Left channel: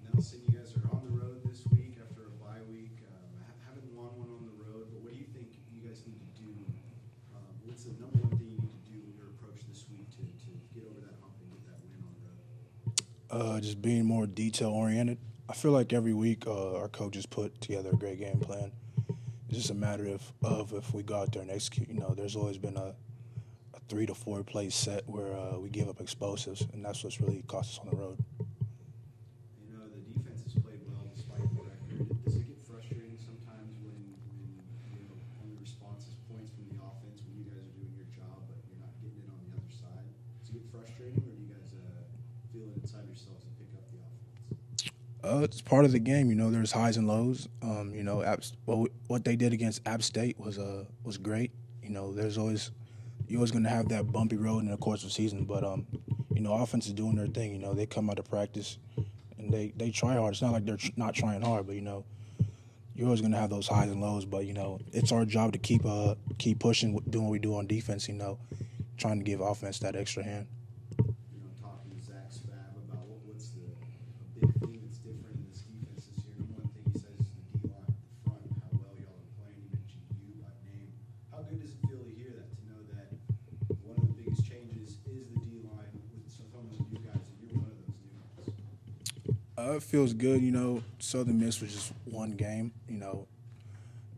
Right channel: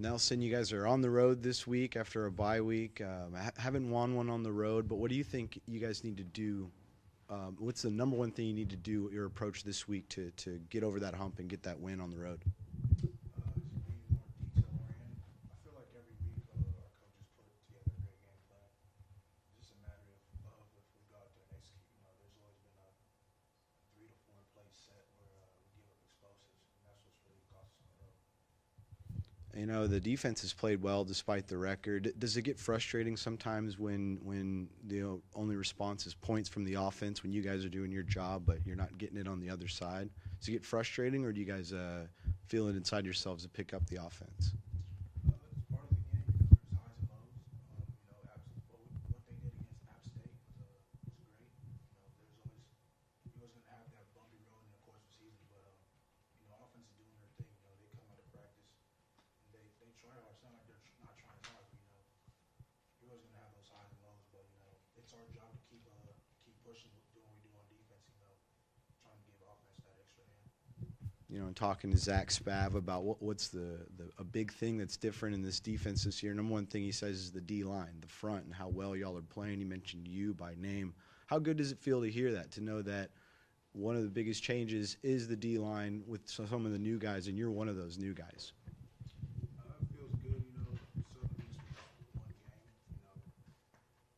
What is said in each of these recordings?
Nelson, you guys are on the road this week after a bye week. Haven't won one on the road, but what do you think you guys need to do? What's the number one thing you need to do with your approach this week to get over that hump and get that win on the road? Just being more detail-oriented. I feel like every week our coaches put together a great game plan. It's just a matter of if we go out there and execute. There's always been a 3 to 4 play set where we give up explosives, and that's what's really cost us on the road. The defense has played well despite the record. Does it get frustrating sometimes when the only response is points from the offense when you guys are doing your job, but you're not getting it on the other side? Does it get frustrating, or do you guys feel it inside yourselves to pick up the offense? It's part of the game. There's highs and lows. What they did against App State was great. You're always going to have that bumpy road in the course of the season, but offense is doing their thing. They come out of practice and they try hard. It's not like they're not trying hard, but you're always going to have those highs and lows. But it's our job to keep pushing, doing what we do on defense. Trying to give offense that extra hand. And talking to Zach Spav about what's a big thing that's different in this defense this year. Number one thing he says is the D-line, the front, and how well y'all are playing. He mentioned you by name. How good does it feel to hear that, to know that one of the biggest changes is the D-line with some of the new guys, and you're one of those new guys? It feels good. Southern Miss was just one game.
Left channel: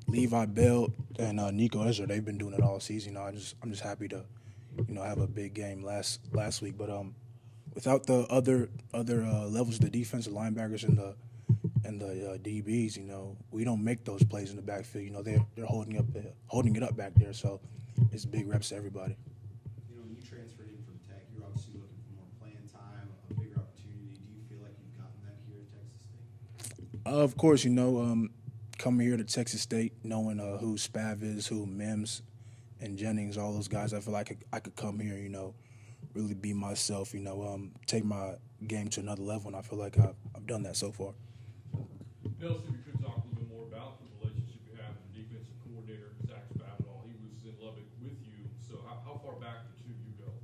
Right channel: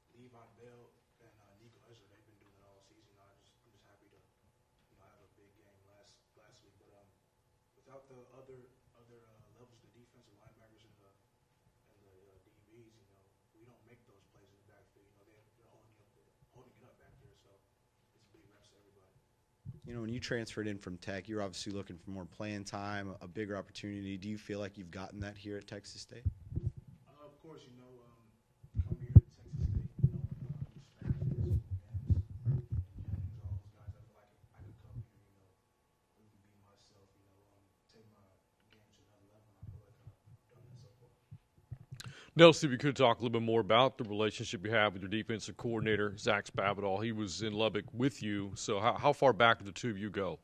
Levi Bell and Nico Ezra, they've been doing it all season. I'm just happy to, have a big game last week. But without the other levels of the defense, the linebackers and the DBs, we don't make those plays in the backfield. They're holding it up back there. So it's big reps to everybody. When you transferred in from Tech, you're obviously looking for more playing time, a bigger opportunity. Do you feel like you've gotten that here at Texas State? Of course, coming here to Texas State, knowing who Spav is, who Mims and Jennings, all those guys, I feel like I could come here, really be myself, take my game to another level, and I feel like I've done that so far. Nelson, if you could talk a little bit more about the relationship you have with your defensive coordinator, Zach Spavital. He was in Lubbock with you, so how far back did the two of you go?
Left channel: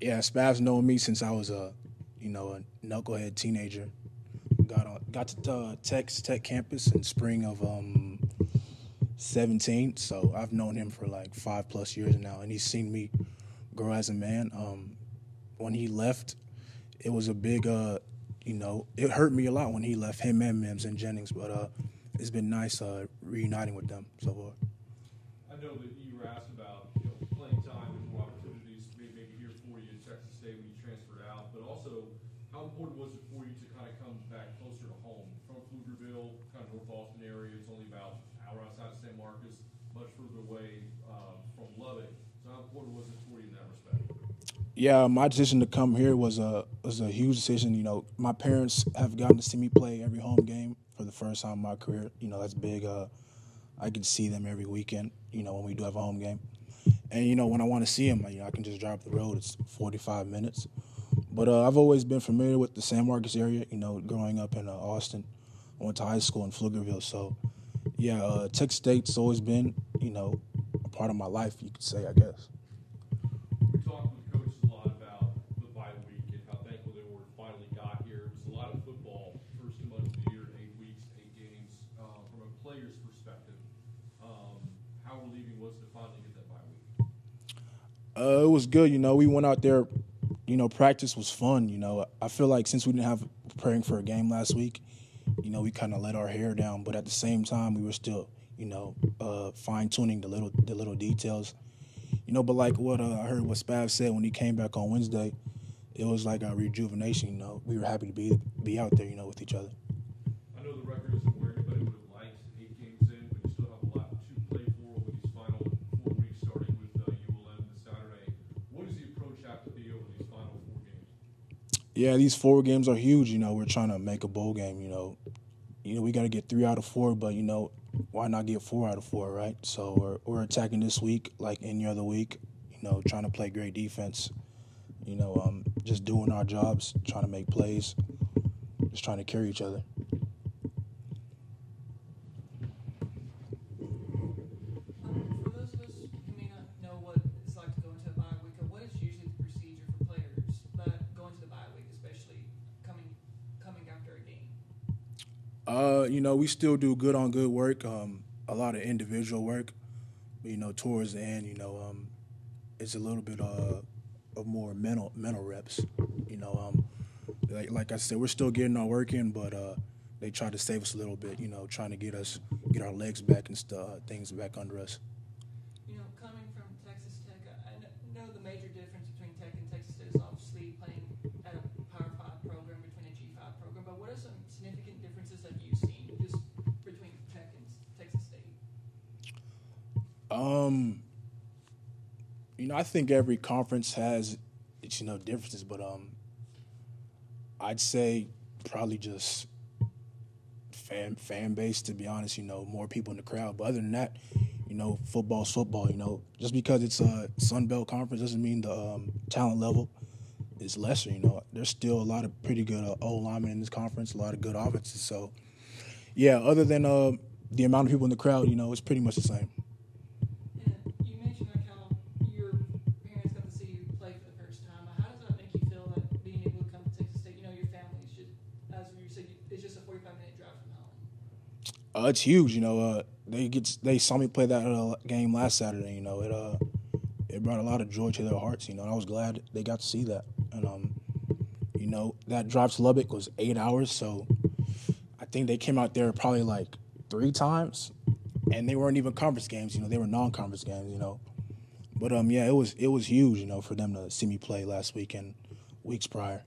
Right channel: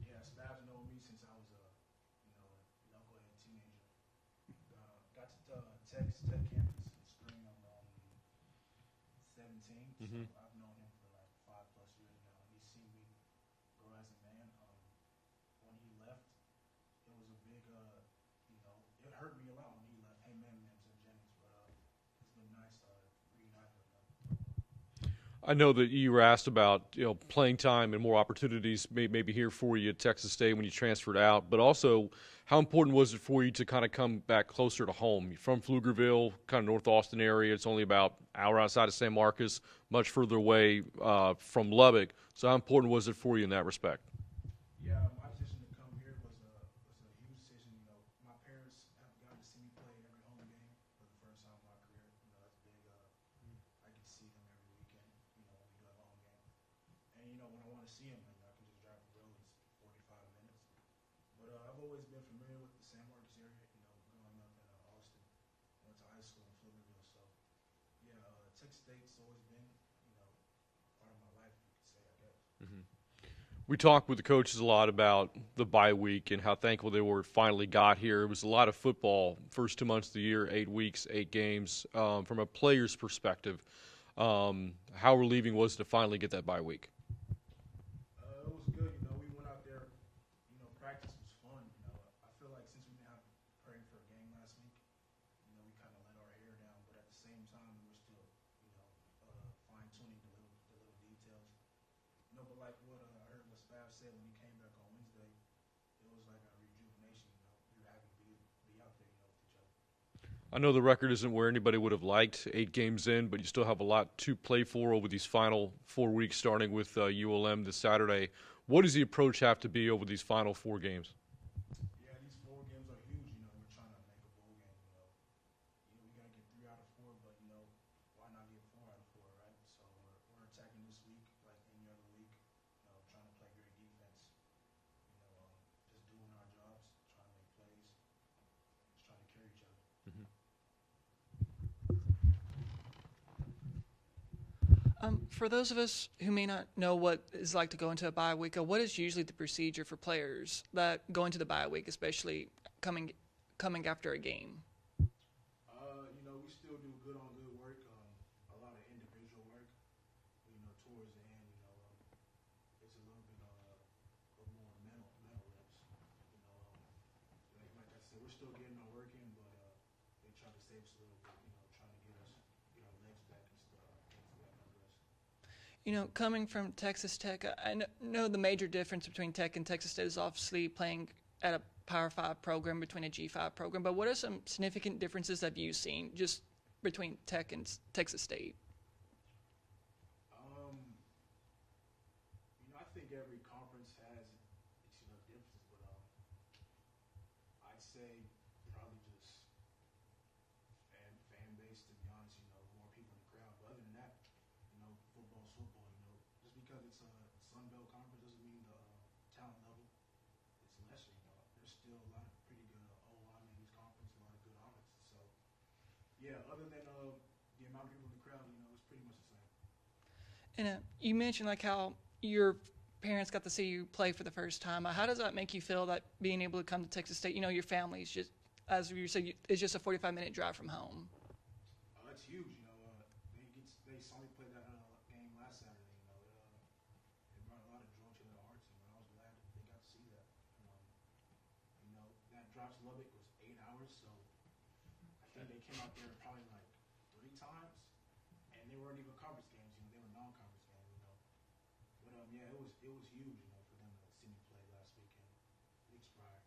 Yeah, Spav's known me since I was a knucklehead teenager. Got to Texas Tech campus in spring of 17, so I've known him for like 5+ years now, and he's seen me grow as a man. When he left, it was a big it hurt me a lot when he left, him and Mims and Jennings, but it's been nice reuniting with them so far. I know that you were asked about playing time and more opportunities maybe here for you at Texas State when you transferred out, but also how important was it for you to kind of come back closer to home? You're from Pflugerville, kind of North Austin area. It's only about an hour outside of San Marcos, much further away from Lubbock. So how important was it for you in that respect? Yeah, my decision to come here was a huge decision. My parents have gotten to see me play every home game for the first time in my career. That's big. I can see them every weekend, when we do have a home game. And, when I want to see them, I can just drive up the road. It's 45 minutes. But I've always been familiar with the San Marcos area, growing up in Austin. I went to high school in Pflugerville. So, yeah, Texas State's always been, a part of my life, you could say, I guess. We talked with the coaches a lot about the bye week and how thankful they were finally got here. It was a lot of football, first 2 months of the year, 8 weeks, 8 games. From a player's perspective, how relieving was it to finally get that bye week? It was good. We went out there. Practice was fun. I feel like since we didn't have preparing for a game last week, we kind of let our hair down. But at the same time, we were still, fine-tuning the little details. But like what I heard what Spav said when he came back on Wednesday, it was like a rejuvenation. We were happy to be out there, with each other. I know the record isn't where anybody would have liked 8 games in, but you still have a lot to play for over these final 4 weeks, starting with ULM this Saturday. What does the approach have to be over these final 4 games? Yeah, these 4 games are huge. We're trying to make a bowl game. We got to get 3 out of 4, but why not get 4 out of 4, right? So we're attacking this week like any other week. Trying to play great defense. Just doing our jobs, trying to make plays, just trying to carry each other. For those of us who may not know what it's like to go into a bye week, what is usually the procedure for players that go into the bye week, especially coming after a game? We still do good on good work, a lot of individual work. Towards the end, it's a little bit of more mental reps. Like I said, we're still getting our work in, but they try to save us a little bit. Trying to get our legs back and things back under us. Coming from Texas Tech, I know the major difference between Tech and Texas State is obviously playing at a Power 5 program between a G5 program, but what are some significant differences that you've seen just between Tech and Texas State? I think every conference has its, differences, but I'd say probably just fan base, to be honest, more people in the crowd. But other than that, football's football, Just because it's a Sun Belt conference doesn't mean the talent level is lesser, There's still a lot of pretty good O-linemen in this conference, a lot of good offenses. So, yeah, other than the amount of people in the crowd, it's pretty much the same. And you mentioned how your parents got to see you play for the first time. How does that make you feel, that being able to come to Texas State? Your family is just, as you said, it's just a 45-minute drive from home. It's huge. They saw me play that game last Saturday. It brought a lot of joy to their hearts. I was glad they got to see that. And that drive to Lubbock was 8 hours, so I think they came out there probably 3 times, and they weren't even conference games. They were non-conference games. But yeah, it was huge. For them to see me play last week and weeks prior.